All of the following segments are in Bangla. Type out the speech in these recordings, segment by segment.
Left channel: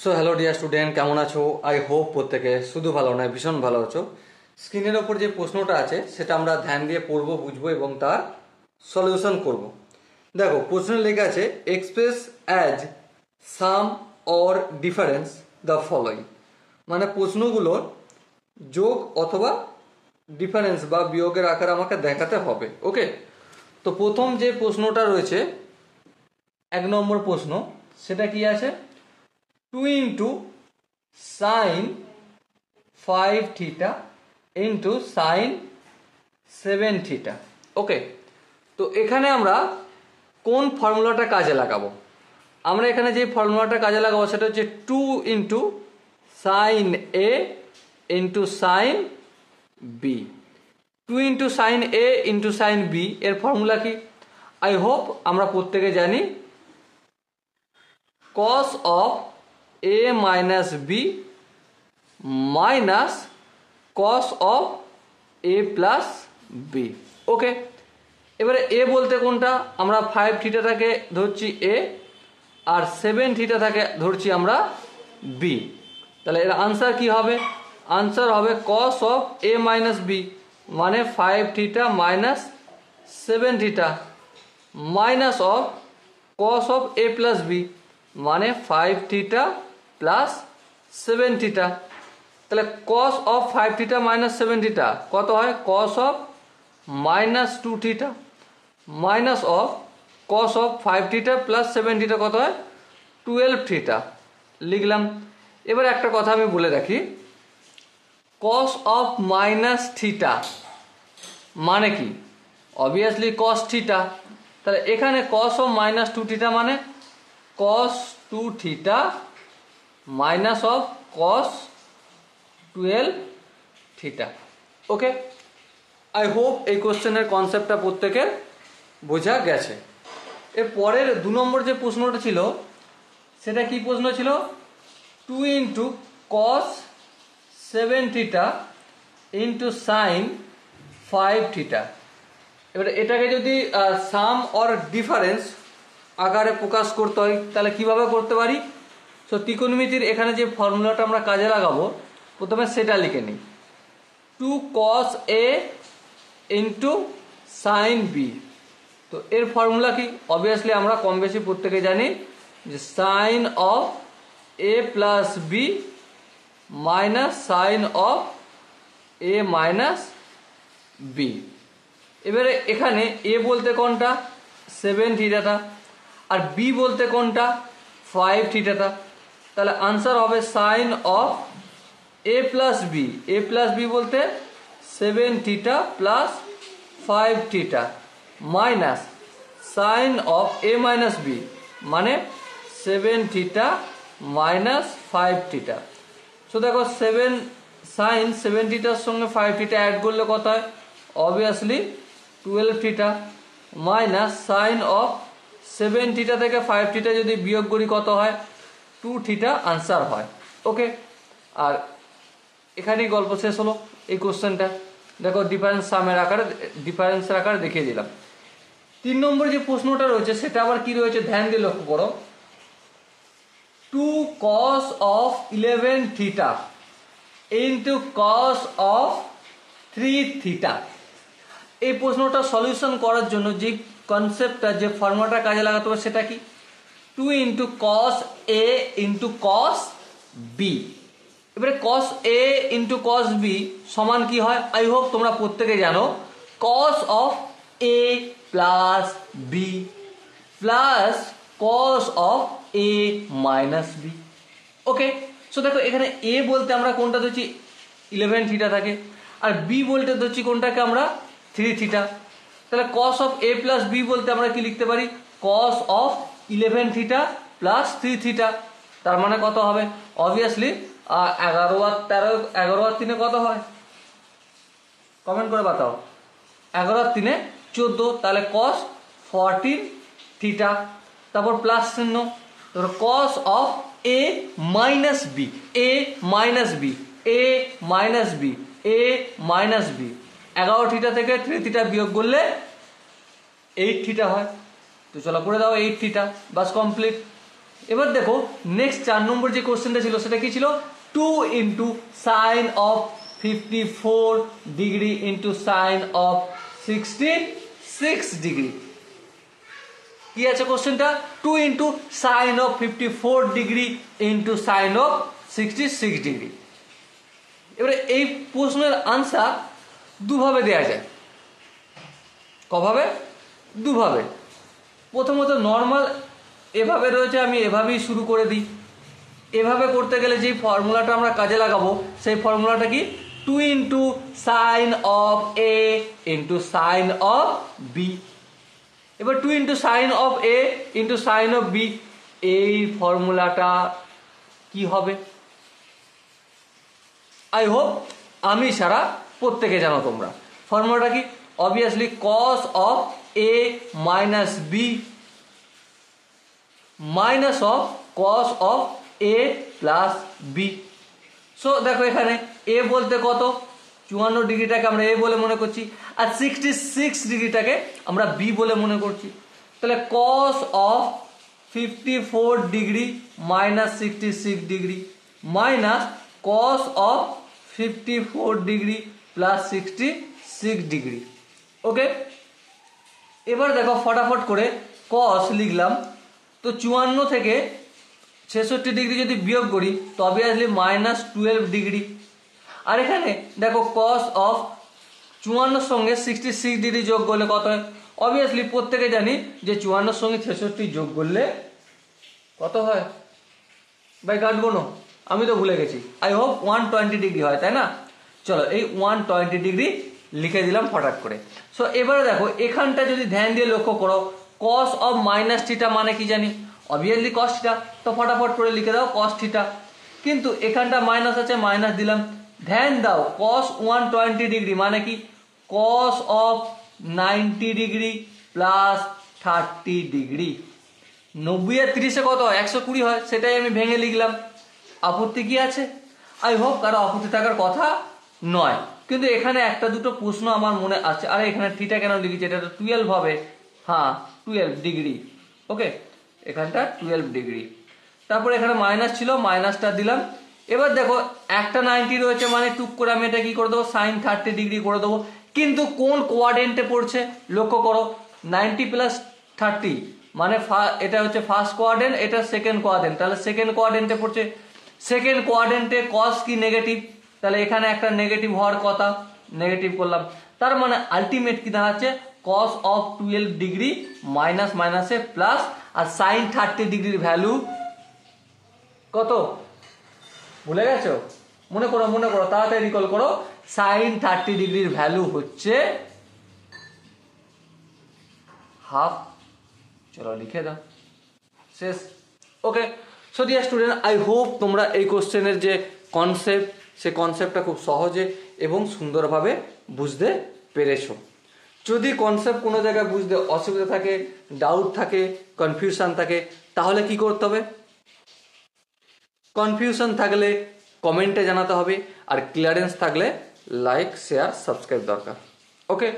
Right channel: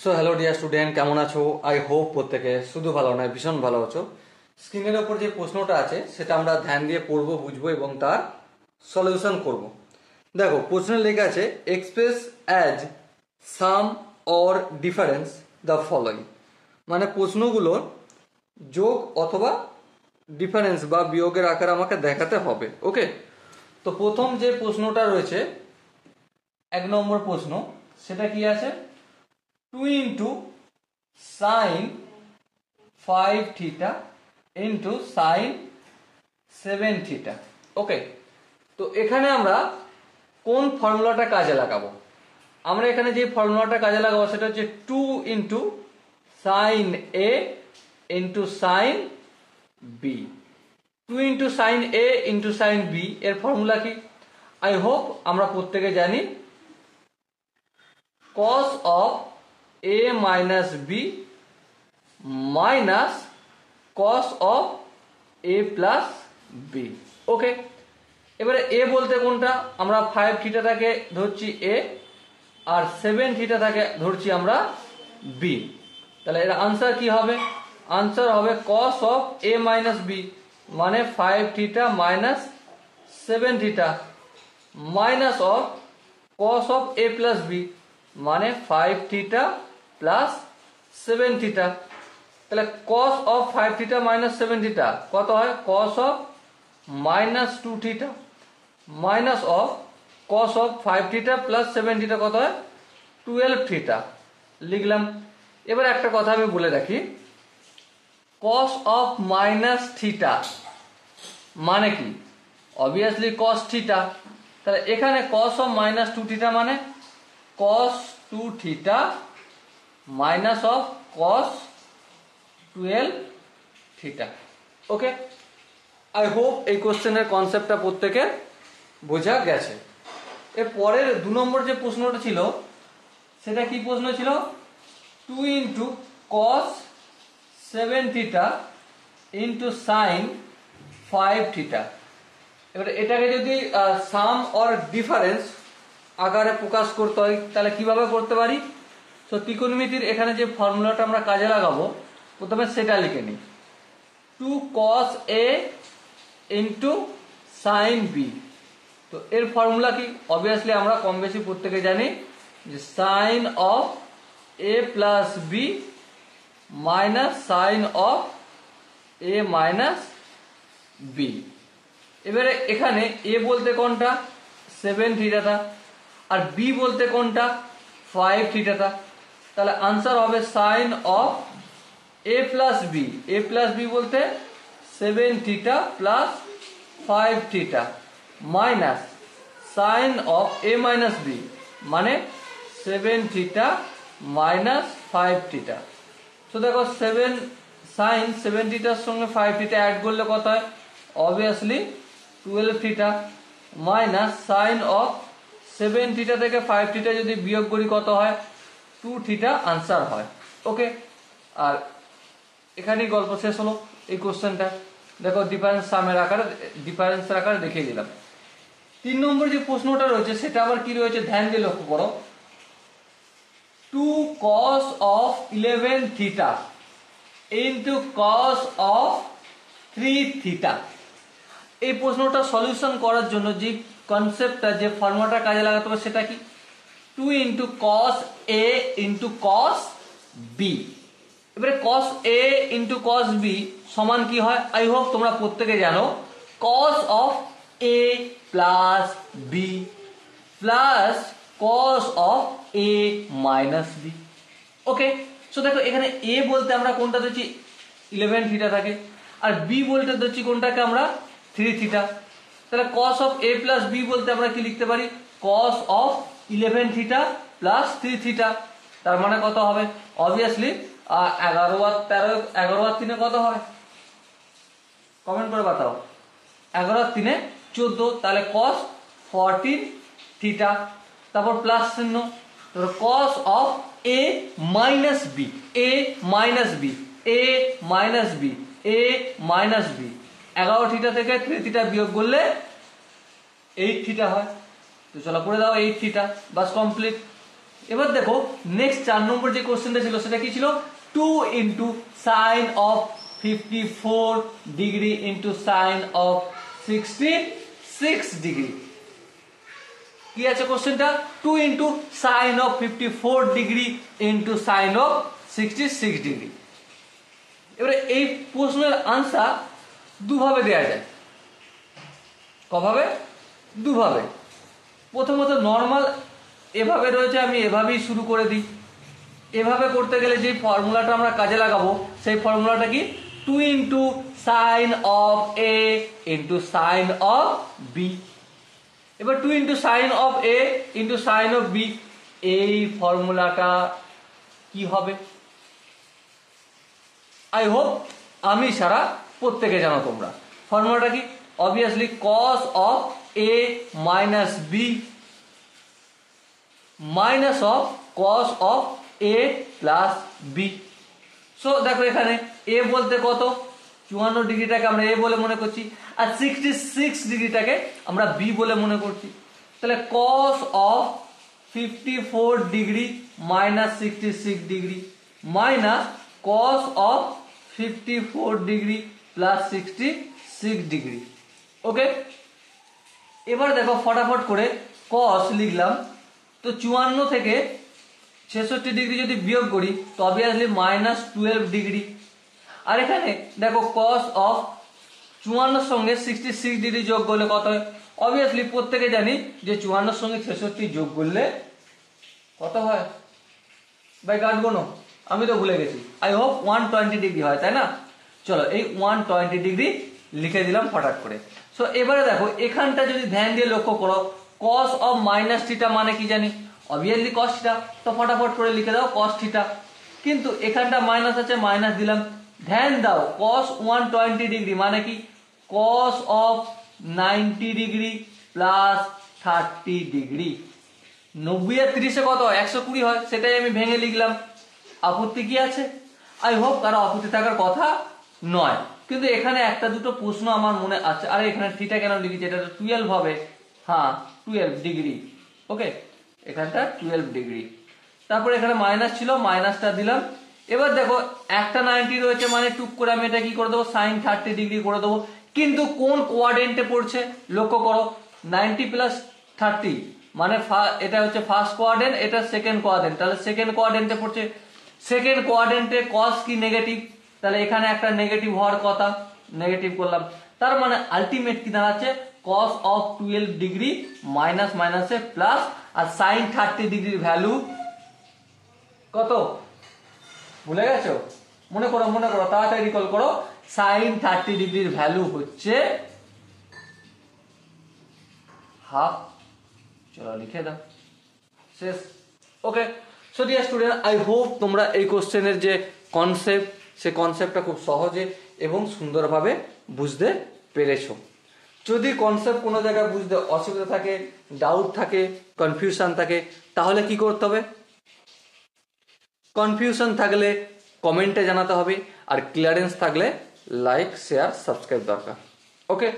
সো হ্যালো ডিয়ার স্টুডেন্ট, কেমন আছো? আই হোপ প্রত্যেকে শুধু ভালো নয় ভীষণ ভালো আছো। স্ক্রিনের ওপর যে প্রশ্নটা আছে সেটা আমরা ধ্যান দিয়ে পড়বো, বুঝবো এবং তার সলিউশন করব। দেখো, প্রশ্নে লেখা আছে express as some or difference the following, মানে প্রশ্নগুলোর যোগ অথবা ডিফারেন্স বা বিয়োগের আকার আমাকে দেখাতে হবে। ওকে, তো প্রথম যে প্রশ্নটা রয়েছে 1 নম্বর প্রশ্ন, সেটা কি আছে? 2 into sin 5 theta into sin 7 theta। ওকে, তো এখানে আমরা কোন ফর্মুলাটা কাজে লাগাবো? আমরা এখানে যে ফর্মুলাটা কাজে লাগাবো সেটা হচ্ছে 2 into sin a into sin b। 2 into sin a into sin b এর ফর্মুলা কি? আই হোপ আমরা প্রত্যেকে জানি cos of a minus b minus cos of a plus b। ওকে, এবারে a বলতে কোনটা? আমরা 5 থিটাটাকে ধরছি a আর 7 থিটাটাকে ধরছি আমরা b। তাহলে এর আনসার কি হবে? আনসার হবে cos of a minus b মানে 5 theta minus 7 theta minus of cos of a plus b মানে 5 থিটা প্লাস 7 থিটা। তাহলে cos of 5 theta minus 7 theta কত হয়? cos of minus 2 theta minus of cos of 5 theta plus 7 theta কত হয়? 12 থিটা লিখলাম। এবার একটা কথা আমি বলে রাখি, cos of মাইনাস থিটা মানে কি? Obviously cos theta. তাহলে এখানে cos of মাইনাস 2 থিটা মানে cos 2 theta minus of cos 12 theta. Okay, I hope এই কোশ্চেনের কনসেপ্টটা প্রত্যেকের বোঝা গেছে। এর পরের 2 নম্বর যে প্রশ্নটা ছিল সেটা কি প্রশ্ন ছিল? 2 into cos 7 theta into sin 5 theta. এবারে এটাকে যদি সাম অর ডিফারেন্স আকারে প্রকাশ করতে হয় তাহলে কিভাবে করতে পারি? তো ত্রিকোণমিতির এখানে যে ফর্মুলাটা আমরা কাজে লাগাবো প্রথমে সেটা লিখে নিই। 2 cos a into sin b। তো এর ফর্মুলা কি? অবভিয়াসলি আমরা কম বেশি প্রত্যেকে জানি যে sin of a plus b minus sin of a minus b। এবারে এখানে a বলতে কোনটা? 7 থিটাটা, আর b বলতে কোনটা? 5 থিটাটা। তাহলে আনসার হবে sin of a plus b। a plus b বলতে 7 theta plus 5 theta minus sin of a minus b মানে 7 থিটা মাইনাস 5 থিটা। তো দেখো 7 sin 7 থিটার সঙ্গে 5 থিটা অ্যাড করলে কত হয়? Obviously 12 theta minus sin of 7 theta থেকে 5 থিটা যদি বিয়োগ করি কত হয়? 2 থিটা আনসার হয়। ওকে, আর এখানেই গল্প শেষ হলো এই কোশ্চেনটা। দেখো ডিফারেন্সের আকারে দেখিয়ে দিলাম। 3 নম্বর যে প্রশ্নটা রয়েছে সেটা আবার কি রয়েছে ধ্যান দিয়ে লক্ষ্য করো। 2 cos of 11 theta into cos of 3 theta। এই প্রশ্নটা সলিউশন করার জন্য যে কনসেপ্টটা যে ফর্মুলাটা কাজে লাগাতে হবে সেটা কি? 2 into cos a into cos b। এবারে cos a into cos b সমান কি হয়? আই হোপ তোমরা প্রত্যেকে জানো cos of a plus b plus cos of a minus b। Okay, so দেখো এখানে a বলতে আমরা কোনটা ধরছি? 11 থিটা থাকে, আর b বলতে ধরছি কোনটাকে আমরা? 3 থিটা। তাহলে cos of a plus b বলতে আমরা কি লিখতে পারি? cos of 11 theta plus 3 theta. তার মানে কত হবে? অবভিয়াসলি 11 আর 13 11 আর 3 কত হয়? কমেন্ট করে বাতাও। 11 আর 3 14, তাহলে cos 14 থিটা, তারপর প্লাস চিহ্ন, তারপর cos of a minus b, a minus b, a minus b, a minus b। 11 theta থেকে 3 থিটা বিয়োগ করলে 8 থিটা হয়। তো চলো করে দাও 8 থিটা, বাস কমপ্লিট। এবার দেখো নেক্সট 4 নম্বর যে কোশ্চেনটা ছিল সেটা কি ছিল 2 into sine of 54 degree into sine of 66 degree. কি আছে কোশ্চেনটা 2 into sine of 54 degree into sine of 66 degree. এবারে এই প্রশ্নের আনসার দুভাবে দেওয়া যায়। কভাবে? দুভাবে। প্রথমত নর্মাল এভাবে রয়েছে, আমি এভাবেই শুরু করে দিই। এভাবে করতে গেলে যেই ফর্মুলাটা আমরা কাজে লাগাবো সেই ফর্মুলাটা কি 2 into sine of A into sine of B. এবার 2 into sine of A into sine of B, এই ফর্মুলাটা কি হবে? আই হোপ আমি ছাড়া প্রত্যেকে জানো তোমরা। ফর্মুলাটা কি? Obviously cos of A minus B minus of cos of A plus B. So দেখো এখানে এ বলতে কত 54 ডিগ্রিটাকে আমরা এ বলে মনে করছি, আর 66 ডিগ্রিটাকে আমরা বি বলে মনে করছি। তাহলে cos of 54 degree minus 66 degree minus cos of 54 degree plus 66 degree. Okay, এবার দেখো ফটাফট করে কস লিখলাম, তো 54 থেকে 66 ডিগ্রি যদি বিয়োগ করি তো অবভিয়াসলি মাইনাস 12 ডিগ্রি। আর এখানে দেখো কস অফ 54 সঙ্গে 66 ডিগ্রি যোগ করলে কত হয়? অবভিয়াসলি প্রত্যেকে জানি যে 54 সঙ্গে 66 যোগ করলে কত হয়? ভাই কাটবো না, আমি তো ভুলে গেছি। আই হোপ 120 ডিগ্রি হয়, তাই না? চলো এই 120 ডিগ্রি লিখে দিলাম ফটাফট করে। সো এবারে দেখো এখানটা যদি ধ্যান দিয়ে লক্ষ্য করো, কস অফ মাইনাস থিটা মানে কি জানি? Obviously cos theta. তো ফটাফট করে লিখে দাও কস থিটা। কিন্তু এখানটা মাইনাস আছে, মাইনাস দিলাম। ধ্যান দাও কস 120 ডিগ্রি মানে কি? Cos of 90 degree plus 30 degree. 90 আর 30 কত? 120 হয়, সেটাই আমি ভেঙে লিখলাম। আপত্তি কি আছে? আই হোপ কারো আপত্তি থাকার কথা নয়। কিন্তু এখানে একটা দুটো প্রশ্ন আমার মনে আছে। আর এখানে থিটা কেন লিখেছি? এটা তো 12 হবে। হ্যাঁ 12 ডিগ্রি। ওকে, এখানটা 12 ডিগ্রি। তারপর এখানে মাইনাস ছিল, মাইনাসটা দিলাম। এবার দেখো একটা 90 রয়েছে মানে টুক করে আমি এটা কি করে দেবো? সাইন 30 ডিগ্রি করে দেবো। কিন্তু কোন কোয়াড্রেন্টে পড়ছে লক্ষ্য করো, 90 প্লাস 30 মানে এটা হচ্ছে ফার্স্ট কোয়াড্রেন্ট, এটা সেকেন্ড কোয়াড্রেন্ট। তাহলে সেকেন্ড কোয়াড্রেন্টে পড়ছে। সেকেন্ড কোয়াড্রেন্টে কস কি? নেগেটিভ। তাহলে এখানে একটা নেগেটিভ হওয়ার কথা, নেগেটিভ করলাম। তার মানে আলটিমেট কি দাঁড়াচ্ছে? কস অফ 12 ডিগ্রি মাইনাস মাইনাসে প্লাস, আর সাইন 30 ডিগ্রির ভ্যালু কত? ভুলে গেছো? মনে করো, মনে করো, তাড়াতাড়ি রিকল করো। সাইন 30 ডিগ্রির ভ্যালু হচ্ছে হাফ। চলো লিখে দাও, শেষ। Okay, so dear student, I hope তোমরা এই কোশ্চেনের যে কনসেপ্ট, সে কনসেপ্টটা খুব সহজে এবং সুন্দরভাবে বুঝতে পেরেছো। যদি কনসেপ্ট কোনো জায়গায় বুঝতে অসুবিধা থাকে, ডাউট থাকে, কনফিউশন থাকে, তাহলে কি করতে হবে? কনফিউশন থাকলে কমেন্টে জানাতে হবে, আর ক্লিয়ারেন্স থাকলে লাইক, শেয়ার, সাবস্ক্রাইব দরকার। ওকে,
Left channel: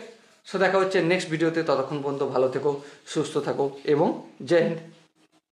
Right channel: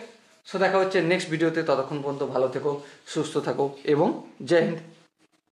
সো দেখা হচ্ছে নেক্সট ভিডিওতে। ততক্ষণ পর্যন্ত ভালো থেকো, সুস্থ থাকো এবং জয় হিন্দ।